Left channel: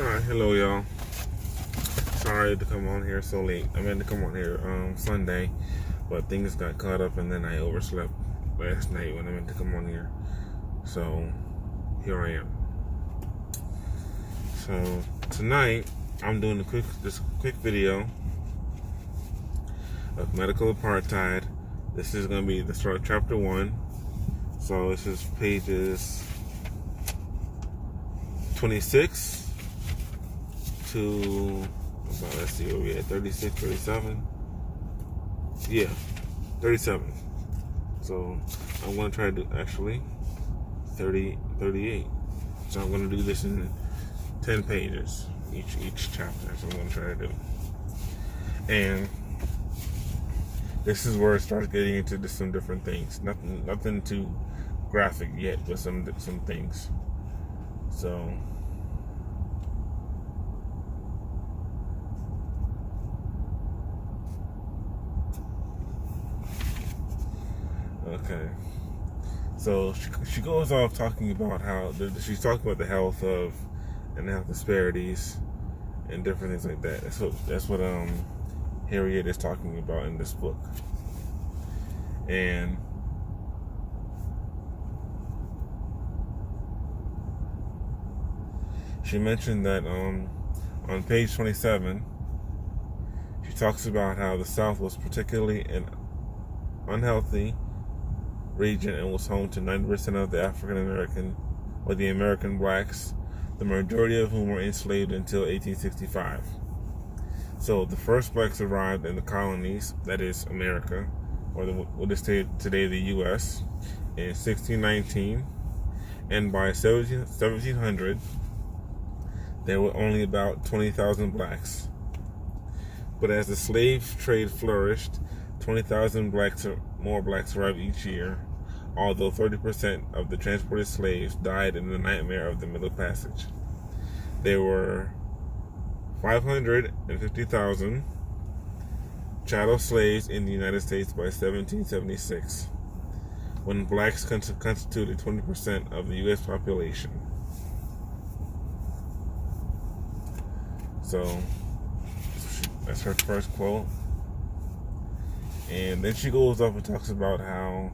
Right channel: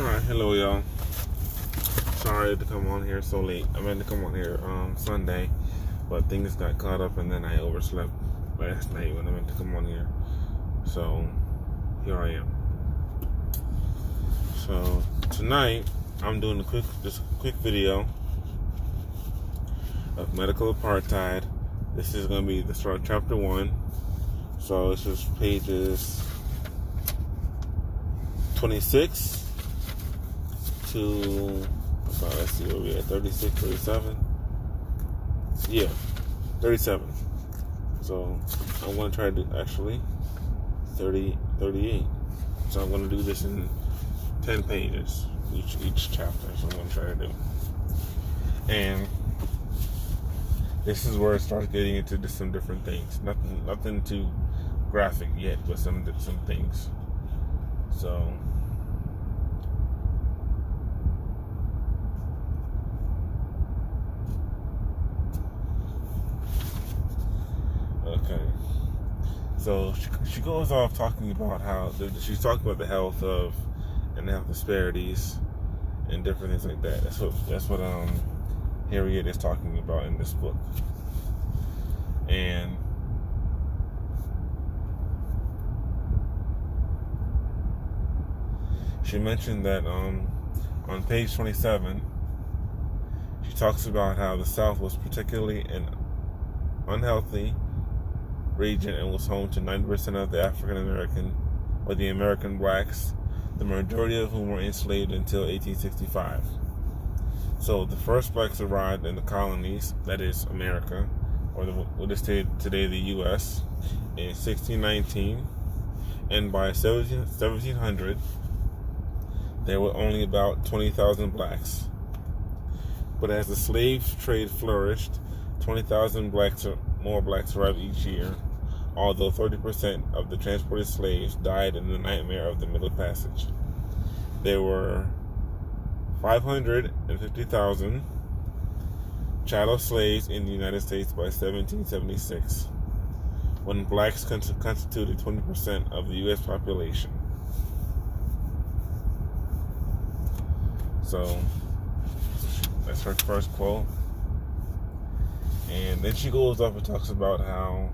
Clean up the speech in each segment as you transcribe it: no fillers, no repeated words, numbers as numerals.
Alright, hello y'all. Sorry to come on here so late. I meant to come on here Sunday, but things got caught up and then I overslept last night when I meant to come on here. So here I am. So tonight I'm doing a quick video of medical apartheid. This is gonna be the start of chapter 1. So this is pages 26 to about, let's see, where we at, 36, 37? Yeah, 37. So I'm going to try to do, actually, 38. So I'm going to do this in 10 pages, each chapter. So I'm going to try to do. And this is where it starts getting into some different things. Nothing too graphic yet, but some things. So okay, so she goes off talking about how she's talking about the health of and the health disparities and different things like that. That's what Harriet is talking about in this book. And she mentioned that on page 27, she talks about how the South was particularly an unhealthy region and was home to 90% of the African American or the American blacks, the majority of whom were enslaved until 1865. So the first blacks arrived in the colonies, that is America, or what is today the U.S., in 1619, and by 1700 there were only about 20,000 blacks. But as the slave trade flourished, 20,000 more blacks arrived each year, although 30% of the transported slaves died in the nightmare of the Middle Passage. There were 550,000 chattel slaves in the United States by 1776, when blacks constituted 20% of the U.S. population. So that's her first quote. And then she goes up and talks about how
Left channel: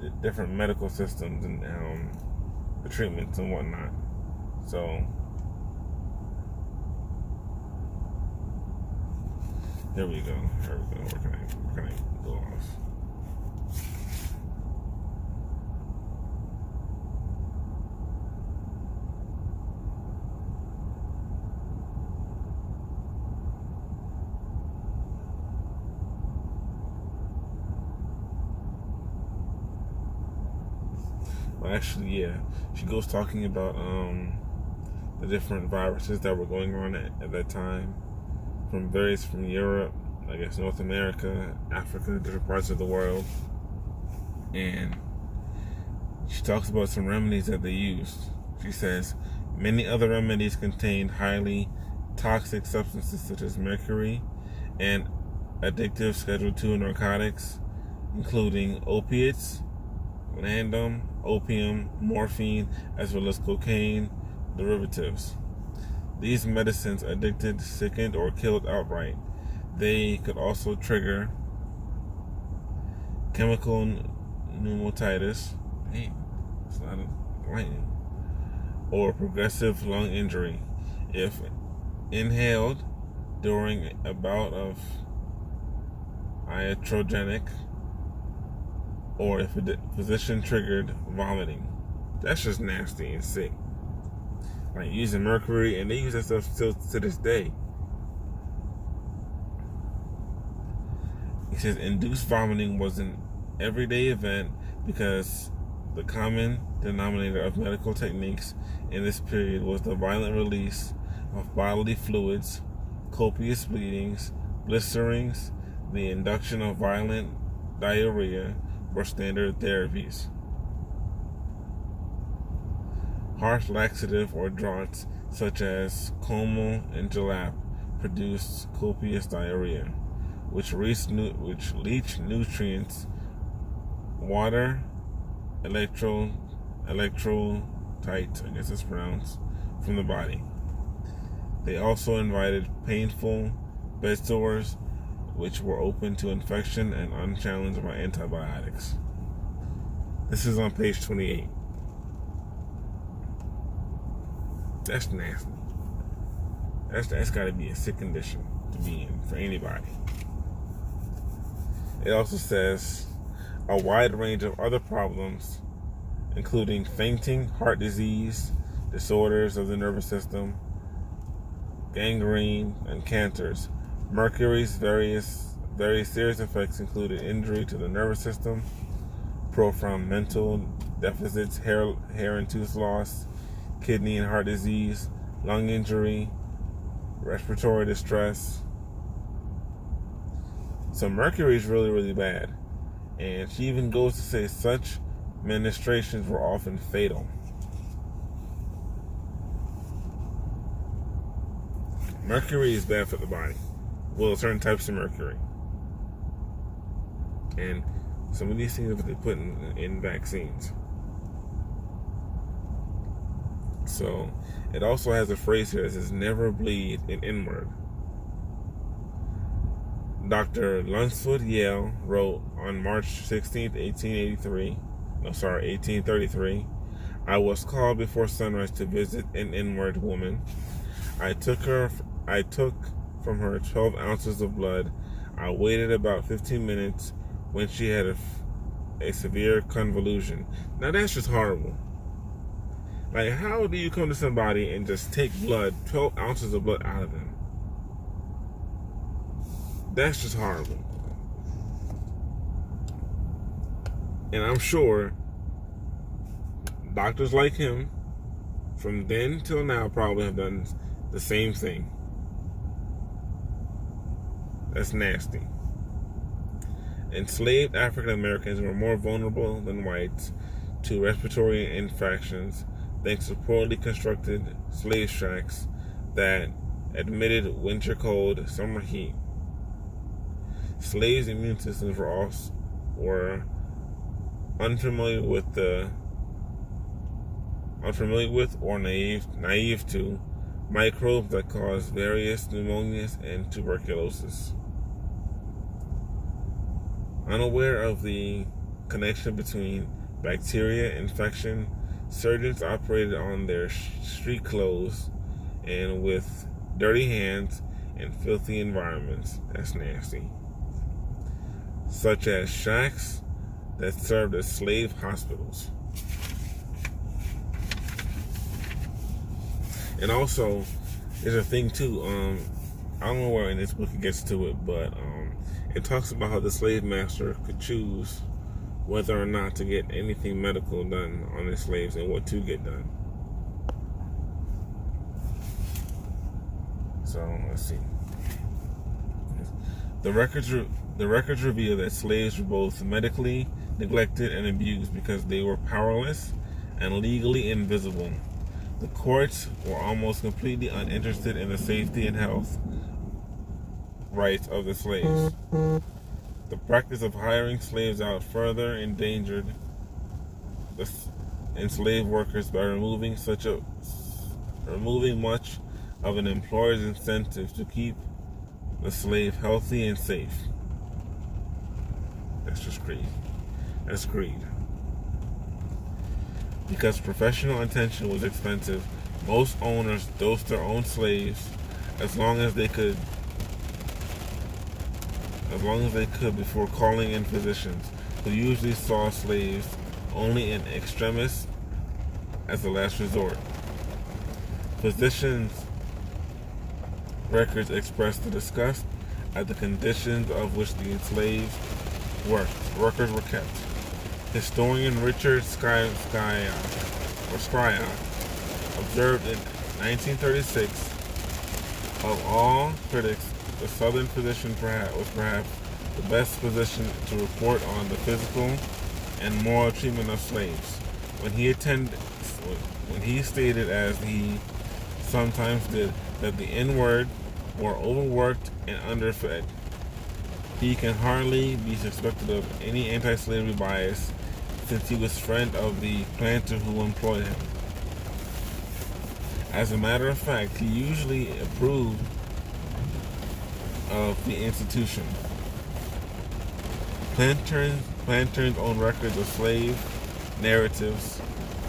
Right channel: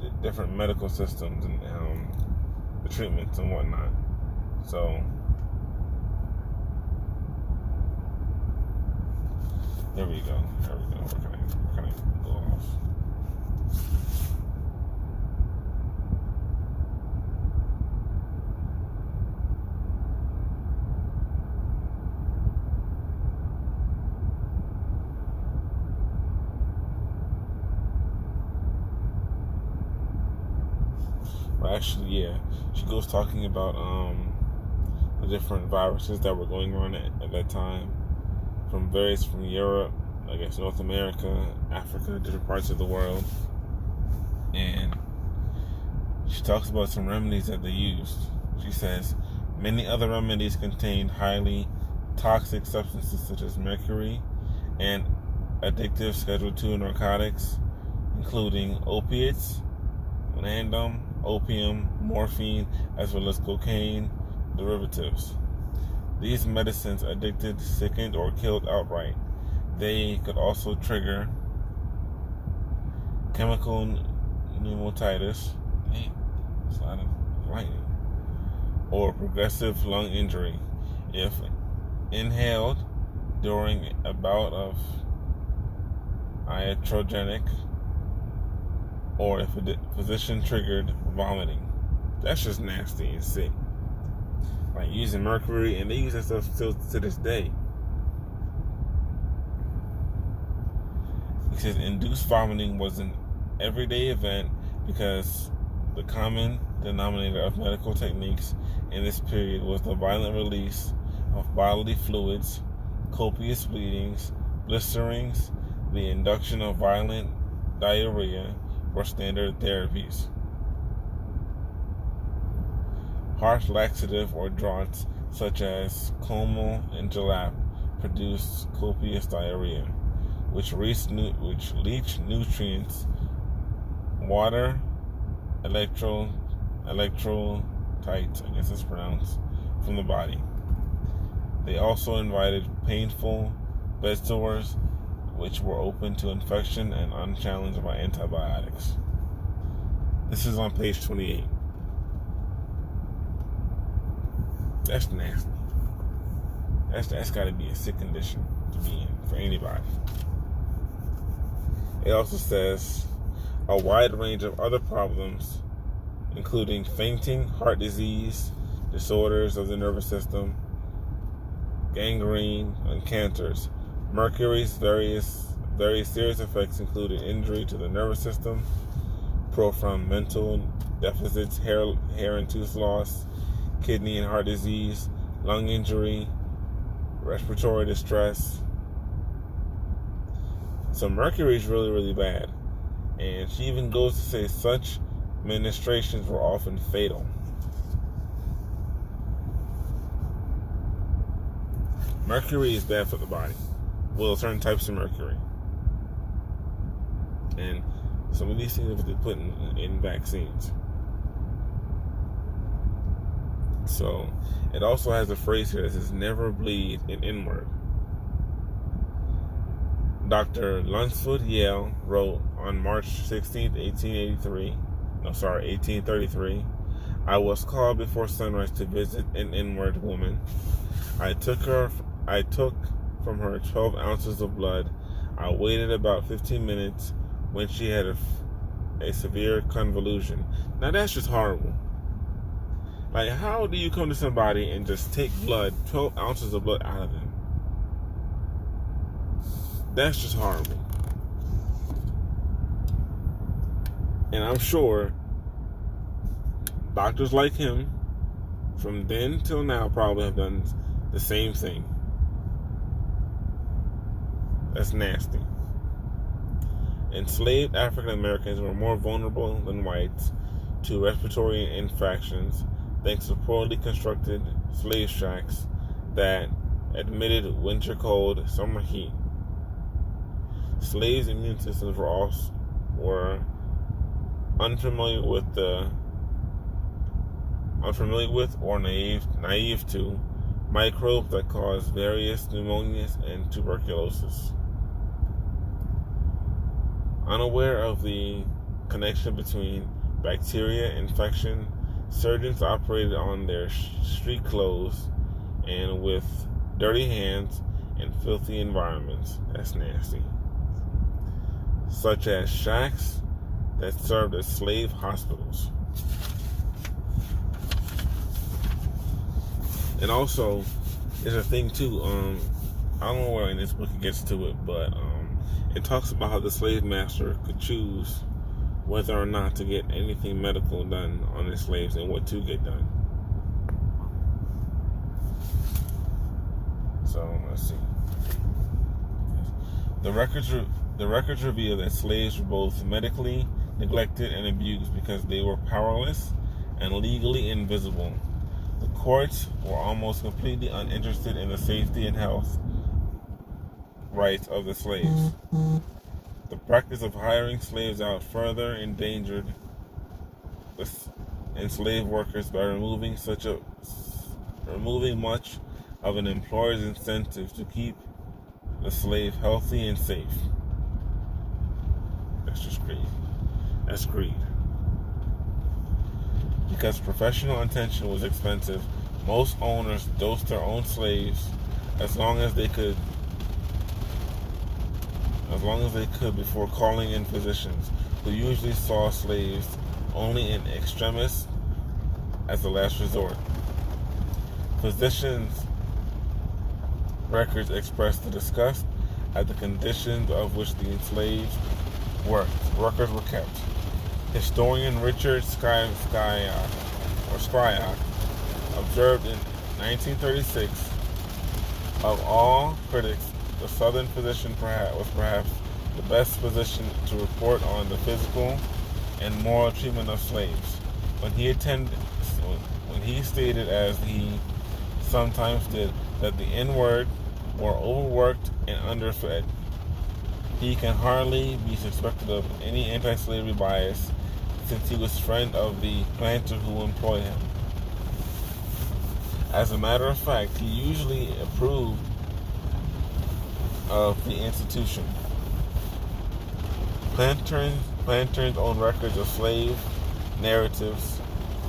the different medical systems and the treatments and whatnot. So there we go. Where can I go off? Well, actually, yeah, she goes talking about the different viruses that were going on at that time, from Europe, I guess North America, Africa, different parts of the world, and she talks about some remedies that they used. She says many other remedies contained highly toxic substances such as mercury and addictive Schedule II narcotics, including opiates, landum, opium, morphine, as well as cocaine derivatives. These medicines addicted, sickened, or killed outright. They could also trigger chemical pneumonitis, that's a lot of lightning, or progressive lung injury if inhaled during a bout of iatrogenic, or if a physician triggered vomiting. That's just nasty and sick. Like using mercury, and they use that stuff still to this day. He says induced vomiting was an everyday event because the common denominator of medical techniques in this period was the violent release of bodily fluids, copious bleedings, blisterings, the induction of violent diarrhea, or standard therapies. Harsh laxative or draughts such as Como and Jalap produced copious diarrhea, which leach nutrients, water, electrolytes, I guess it's pronounced, from the body. They also invited painful bed sores, which were open to infection and unchallenged by antibiotics. This is on page 28. That's nasty. That's got to be a sick condition to be in for anybody. It also says a wide range of other problems, including fainting, heart disease, disorders of the nervous system, gangrene, and cancers. Mercury's very serious effects included injury to the nervous system, profound mental deficits, hair and tooth loss, kidney and heart disease, lung injury, respiratory distress. So mercury is really, really bad. And she even goes to say such ministrations were often fatal. Mercury is bad for the body. Well, certain types of mercury. And some of these things that they put in vaccines. So it also has a phrase here that says never bleed an inward. Dr. Lunsford Yale wrote on March 16, 1833, I was called before sunrise to visit an inward woman. I took from her 12 ounces of blood. I waited about 15 minutes when she had a severe convulsion. Now that's just horrible. Like, how do you come to somebody and just take 12 ounces of blood out of them? That's just horrible. And I'm sure doctors like him from then till now probably have done the same thing. That's nasty. Enslaved African Americans were more vulnerable than whites to respiratory infections thanks to poorly constructed slave shacks that admitted winter cold, summer heat. Slaves' immune systems were unfamiliar with or naive to microbes that cause various pneumonias and tuberculosis. Unaware of the connection between bacteria infection, surgeons operated on their street clothes and with dirty hands and filthy environments. That's nasty. Such as shacks that served as slave hospitals. And also, there's a thing too, I don't know where in this book it gets to it, but it talks about how the slave master could choose whether or not to get anything medical done on his slaves and what to get done. So, let's see. The records reveal that slaves were both medically neglected and abused because they were powerless and legally invisible. The courts were almost completely uninterested in the safety and health rights of the slaves. The practice of hiring slaves out further endangered the enslaved workers by removing much of an employer's incentive to keep the slave healthy and safe. That's just greed. That's greed. Because professional attention was expensive, most owners dosed their own slaves as long as they could before calling in physicians, who usually saw slaves only in extremis as a last resort. Physicians' records express the disgust at the conditions of which the enslaved workers were kept. Historian Richard Scribe observed in 1936, of all critics, the Southern physician was perhaps the best positioned to report on the physical and moral treatment of slaves. When he stated, as he sometimes did, that the inward were overworked and underfed, he can hardly be suspected of any anti-slavery bias, since he was friend of the planter who employed him. As a matter of fact, he usually approved of the institution. Planters own records of slave narratives,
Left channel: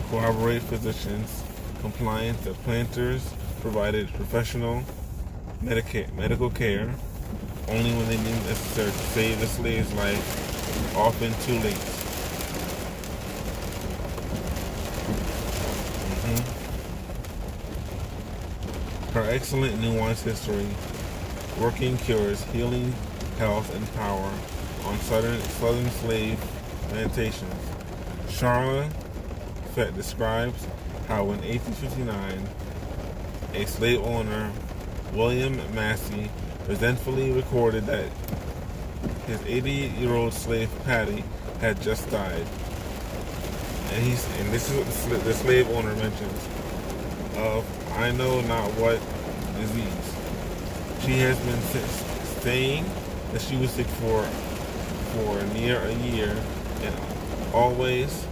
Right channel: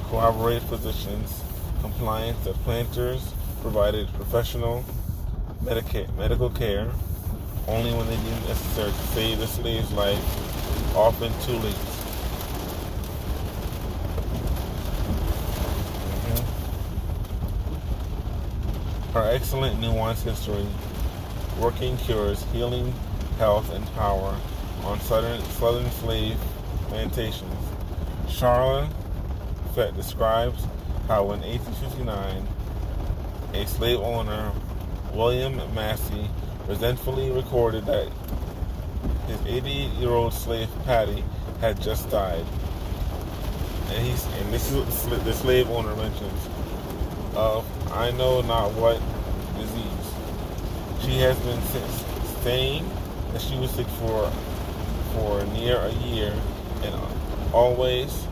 corroborate positions, compliance that planters provided professional medical care only when they deemed it necessary to save the slave's life, often too late. Her excellent nuanced history, working cures, healing, health, and power on southern slave plantations. Charla Fett describes how in 1859, a slave owner, William Massey, resentfully recorded that his 80-year-old slave Patty had just died. And this is what the slave owner mentions of I know not what disease. She has been saying that she was sick for near a year and always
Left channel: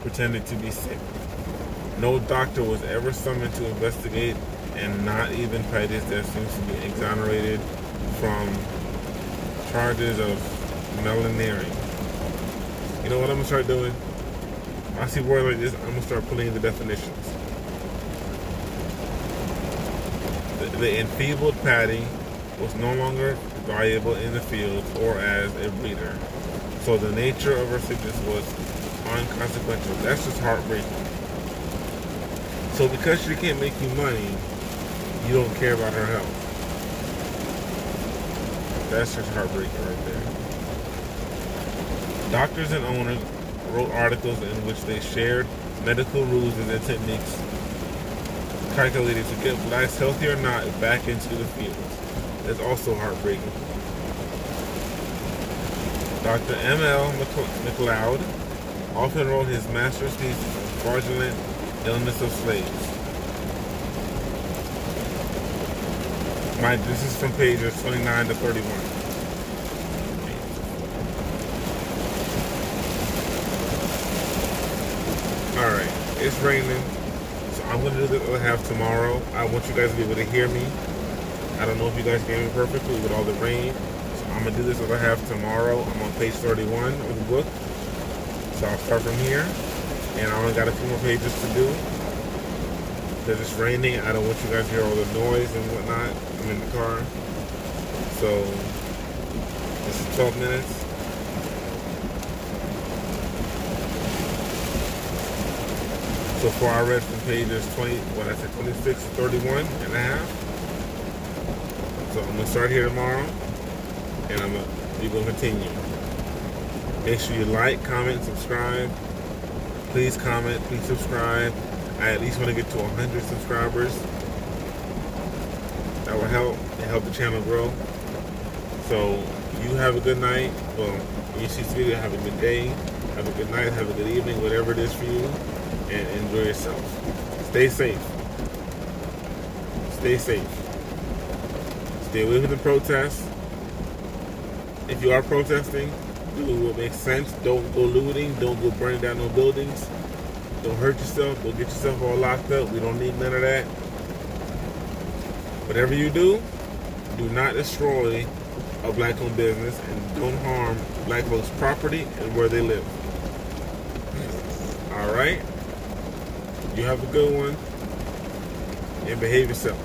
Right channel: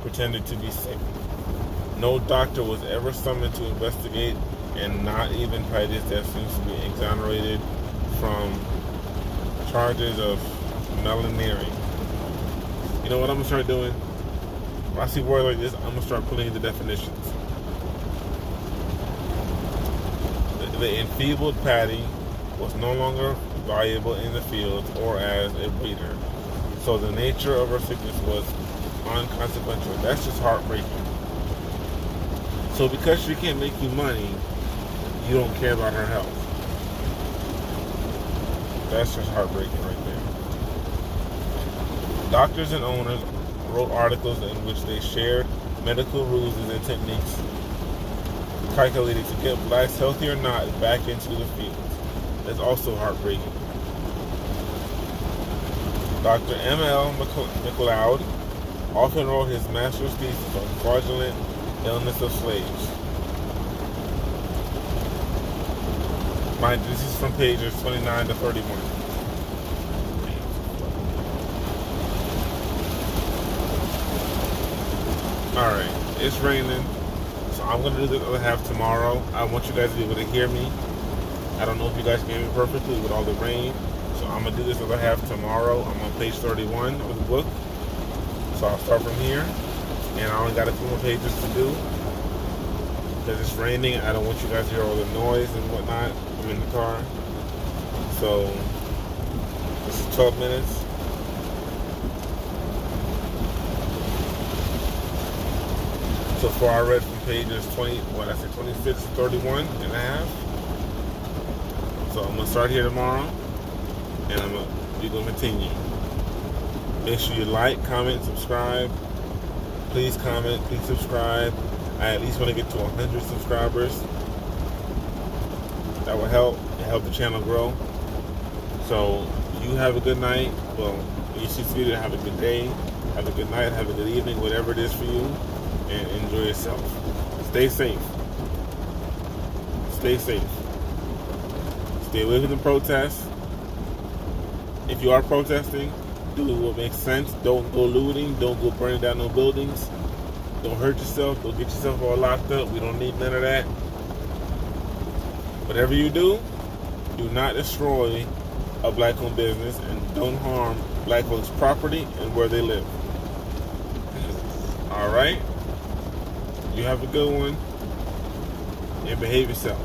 pretended to be sick. No doctor was ever summoned to investigate, and not even Patty's death seems to be exonerated from charges of malignering. You know what I'm going to start doing? When I see words like this, I'm going to start putting in the definitions. The enfeebled Patty was no longer valuable in the field or as a breeder. So the nature of her sickness was unconsequential. That's just heartbreaking. So because she can't make you money, you don't care about her health. That's just heartbreaking right there. Doctors and owners wrote articles in which they shared medical rules and techniques calculated to get blacks, healthy or not, back into the field. That's also heartbreaking. Dr. M.L. McLeod often wrote his master's thesis on fraudulent illness of slaves. This is from pages 29 to 31. Alright, it's raining. I'm going to do the other half tomorrow. I want you guys to be able to hear me. I don't know if you guys can hear me perfectly with all the rain. So I'm going to do this other half tomorrow. I'm on page 31 of the book. So I'll start from here. And I only got a few more pages to do. Because it's raining. I don't want you guys to hear all the noise and whatnot. I'm in the car. So this is 12 minutes. So far I read from pages 26 to 31 and a half. So I'm going to start here tomorrow, and we're going to continue. Make sure you like, comment, subscribe. Please comment, please subscribe. I at least want to get to 100 subscribers. That will help the channel grow. So you have a good night. Well, when you see this video, have a good day. Have a good night, have a good evening, whatever it is for you. And enjoy yourself. Stay safe. Stay safe. Stay away from the protests. If you are protesting, do what makes sense. Don't go looting. Don't go burning down no buildings. Don't hurt yourself. Don't get yourself all locked up. We don't need none of that. Whatever you do not destroy a black-owned business, and don't harm black folks' property and where they live. All right? You have a good one, and behave yourself.